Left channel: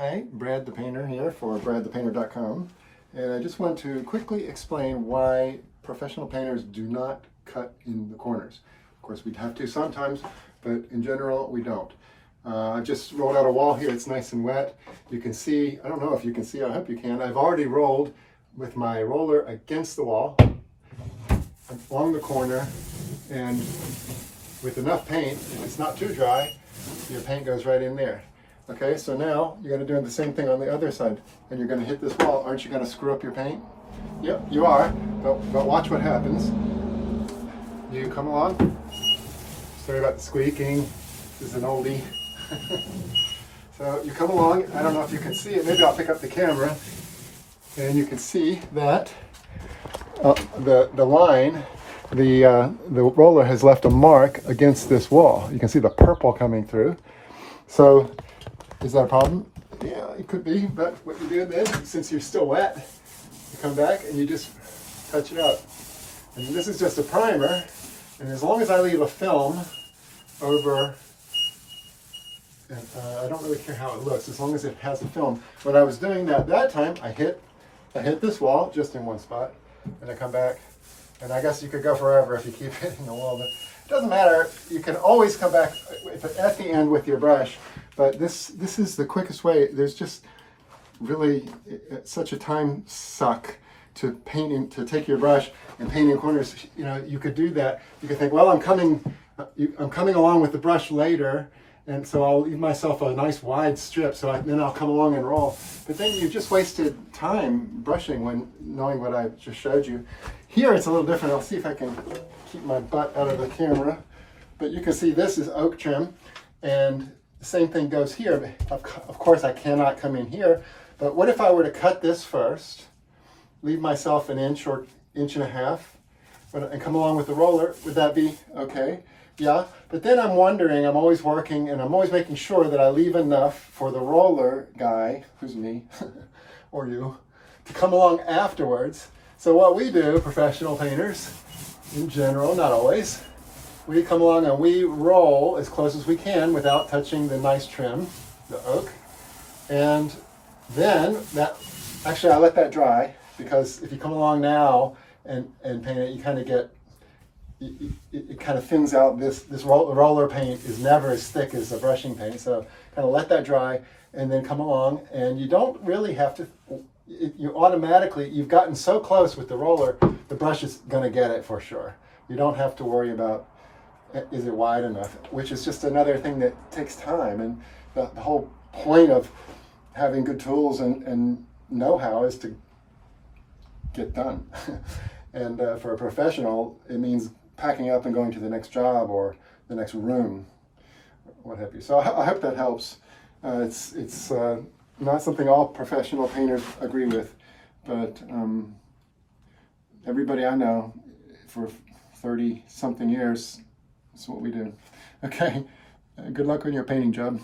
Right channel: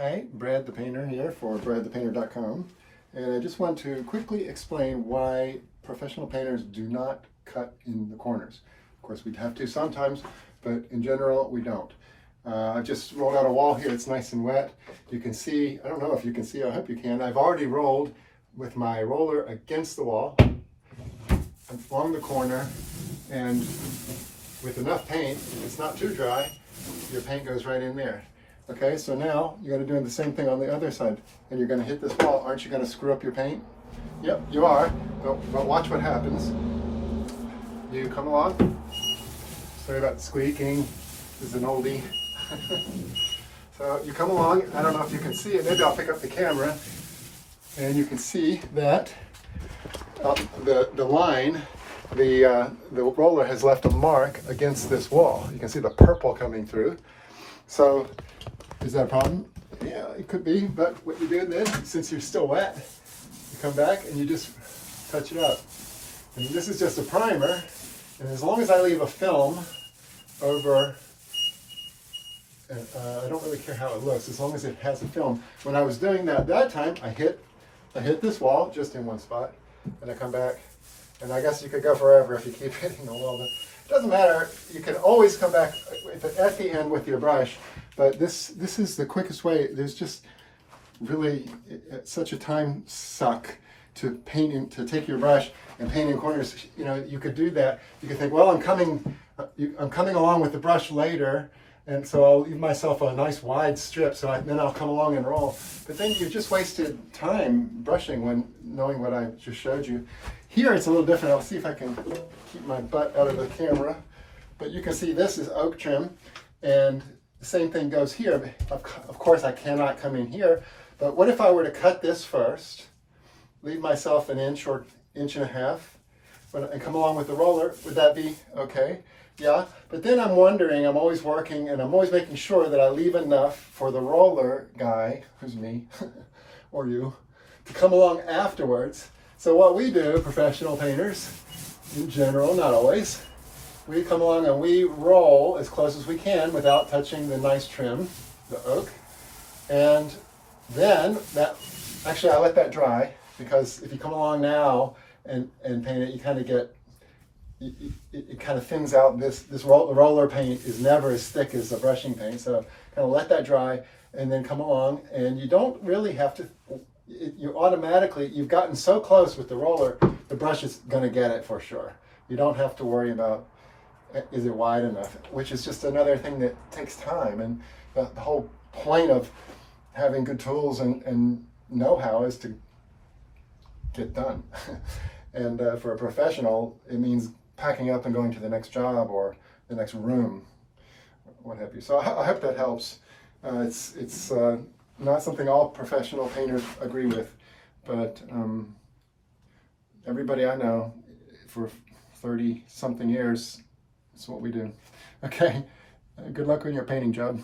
Hi, Brad the Painter here for bradthepainter.com, and I just want to quickly explain why professional painters do not cut in the corners. Of course, we'd have to sometimes, but in general, we don't. I've just rolled out a wall here. It's nice and wet. You can see, I don't know if you can see, I hope you can. I've already rolled with my roller against the wall, along the corner, and with enough paint, if it's not too dry, your paint goes right in there. Okay, so now you're going to do the same thing on the other side, and you're going to hit this wall. Aren't you going to screw up your paint? Yep, you are, but watch what happens. Do you come along? Sorry about the squeaking. This is an oldie. So you come along. I don't know if you can see it. Maybe I'll pick up the camera, and you can see that the line, the roller has left a mark against this wall. You can see the purple coming through. So is that a problem? Yeah, it could be, but what you do then, since you're still wet, you come back and you just touch it up. And this is just a primer, and as long as I leave a film over, and I don't really care how it looks, as long as it has a film. When I was doing that time, I hit this wall just in one spot, and I come back, and I guess you could go forever if you keep hitting the wall, but it doesn't matter. You can always come back at the end with your brush. But this is the quickest way. There's just really such a time suck to painting, to take your brush and painting corners. You know, you could do that. You could think, well, I'm coming along with the brush later, and so I'll leave myself a nice wide strip. So then I'll come along and roll. But then you just wasted time brushing when knowing what I just showed you. Here it's a little different. I'll see if I can keep my butt out of the camera. But you can see this is oak trim, and the same thing goes here. Of course, I cannot come in here, but what if I were to cut this first, leave myself an inch or inch and a half, and come along with the roller? Would that be okay? Yeah, but then I'm wondering, I'm always working, and I'm always making sure that I leave enough for the roller guy, who's me, or you, to come along afterwards. So what we do, professional painters, in general, not always, we come along and we roll as close as we can without touching the nice trim, the oak. And then actually I let that dry, because if you come along now and paint it, you kind of get, it kind of thins out. The roller paint is never as thick as the brushing paint. So kind of let that dry and then come along, and you don't really have to, you automatically, you've gotten so close with the roller, the brush is going to get it for sure. You don't have to worry about, is it wide enough, which is just another thing that takes time. And the whole point of having good tools and know-how is to get done. And for a professional, it means packing up and going to the next job or the next room, what have you. So I hope that helps. It's not something all professional painters agree with, but everybody I know for 30-something years, that's what we do. Okay, good luck on your painting job.